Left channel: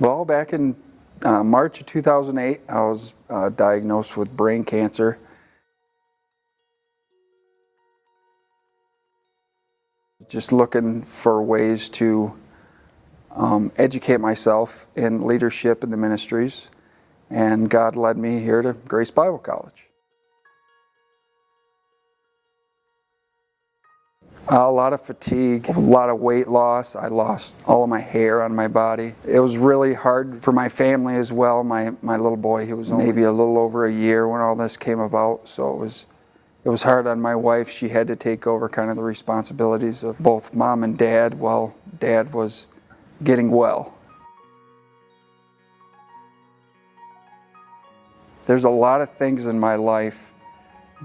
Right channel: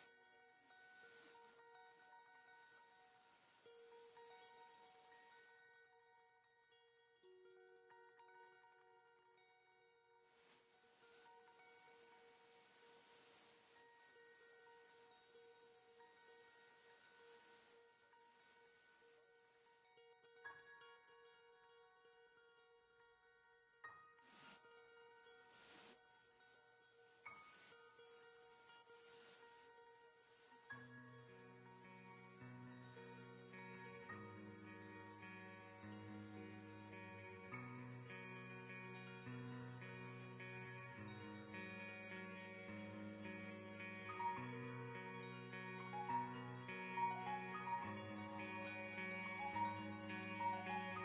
Well, back in March of 2008, I was diagnosed with brain cancer. Just looking for ways to educate myself in leadership in the ministries, and God led me here to Grace Bible College. A lot of fatigue, a lot of weight loss. I lost all of my hair on my body. It was really hard for my family as well. My little boy, he was maybe a little over a year when all this came about, so it was hard on my wife. She had to take over kind of the responsibilities of both mom and dad while dad was getting well. There's a lot of things in my life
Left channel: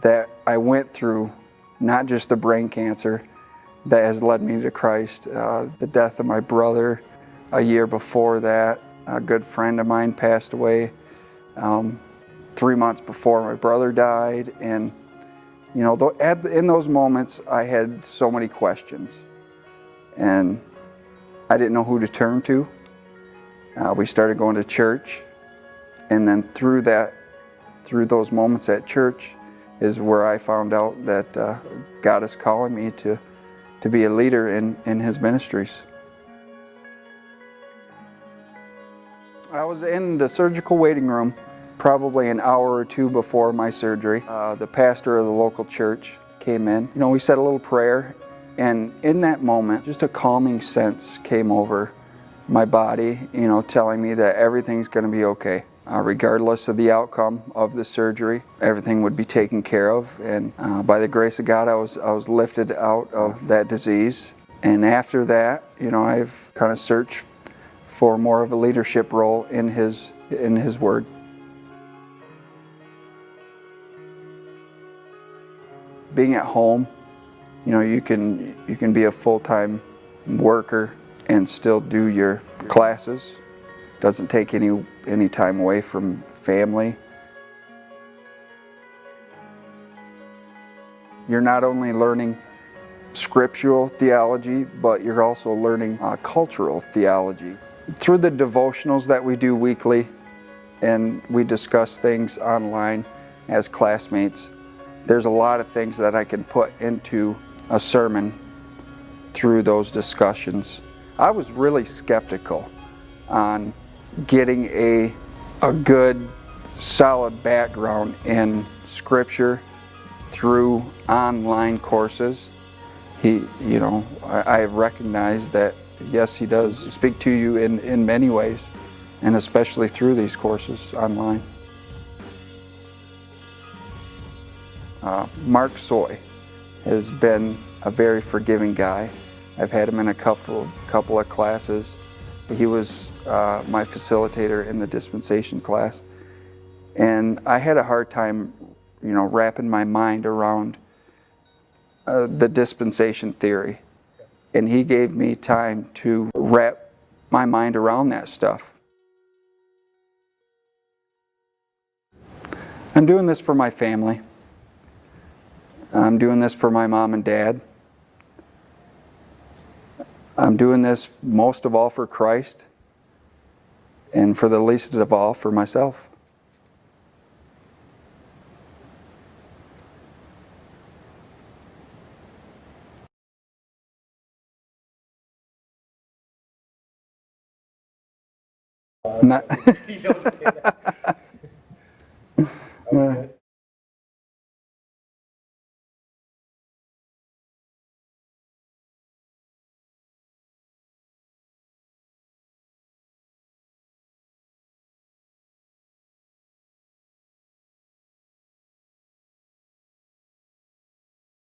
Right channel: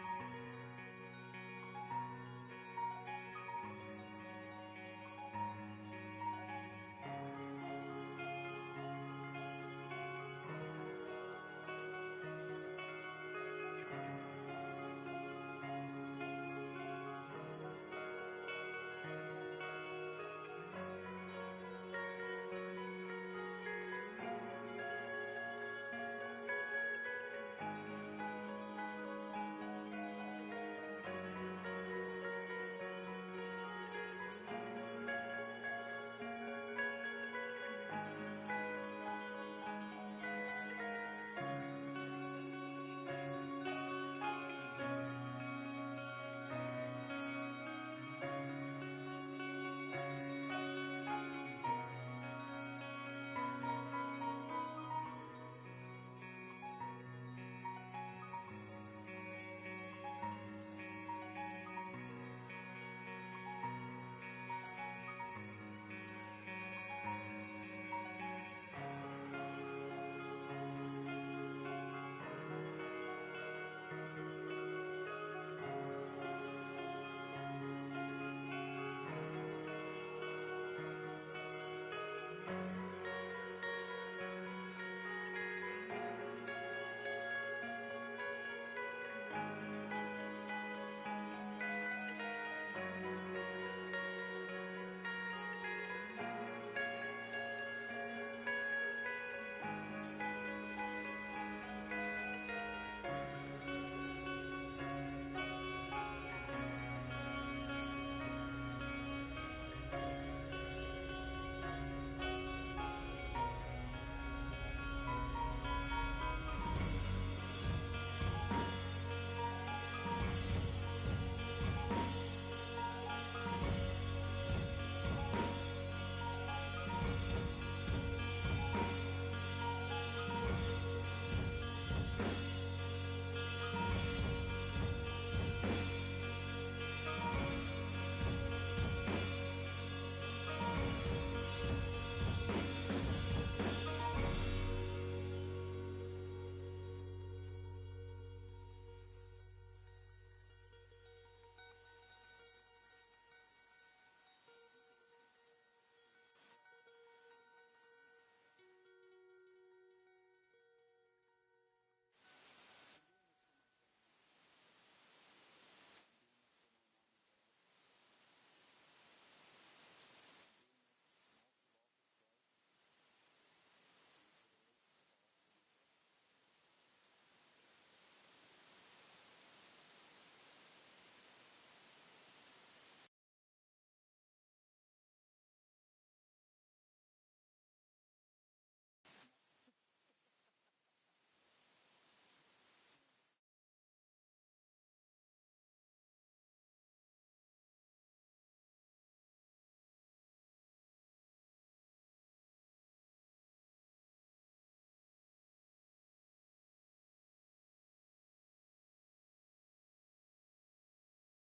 that I went through, not just the brain cancer, that has led me to Christ. The death of my brother a year before that, a good friend of mine passed away 3 months before my brother died, and you know, in those moments I had so many questions, and I didn't know who to turn to. We started going to church, and then through those moments at church is where I found out that God is calling me to be a leader in His ministries. I was in the surgical waiting room probably an hour or two before my surgery. The pastor of the local church came in. You know, we said a little prayer, and in that moment, just a calming sense came over my body, you know, telling me that everything's going to be okay. Regardless of the outcome of the surgery, everything would be taken care of, and by the grace of God, I was lifted out of that disease. And after that, you know, I've kind of searched for more of a leadership role in His Word. Being at home, you know, you can be a full-time worker and still do your classes. Doesn't take any time away from family. You're not only learning scriptural theology, but you're also learning cultural theology. Through the devotionals that we do weekly, and we discuss things online as classmates, there's a lot of things that I can put into a sermon through those discussions. I was really skeptical on getting a good, solid background in Scripture through online courses. You know, I have recognized that, yes, He does speak to you in many ways, and especially through these courses online. Mark Soy has been a very forgiving guy. I've had him in a couple of classes. He was my facilitator in the dispensation class, and I had a hard time, you know, wrapping my mind around the dispensation theory, and he gave me time to wrap my mind around that stuff. I'm doing this for my family. I'm doing this for my mom and dad. I'm doing this most of all for Christ, and for the least of all for myself. Not You don't say that. Okay.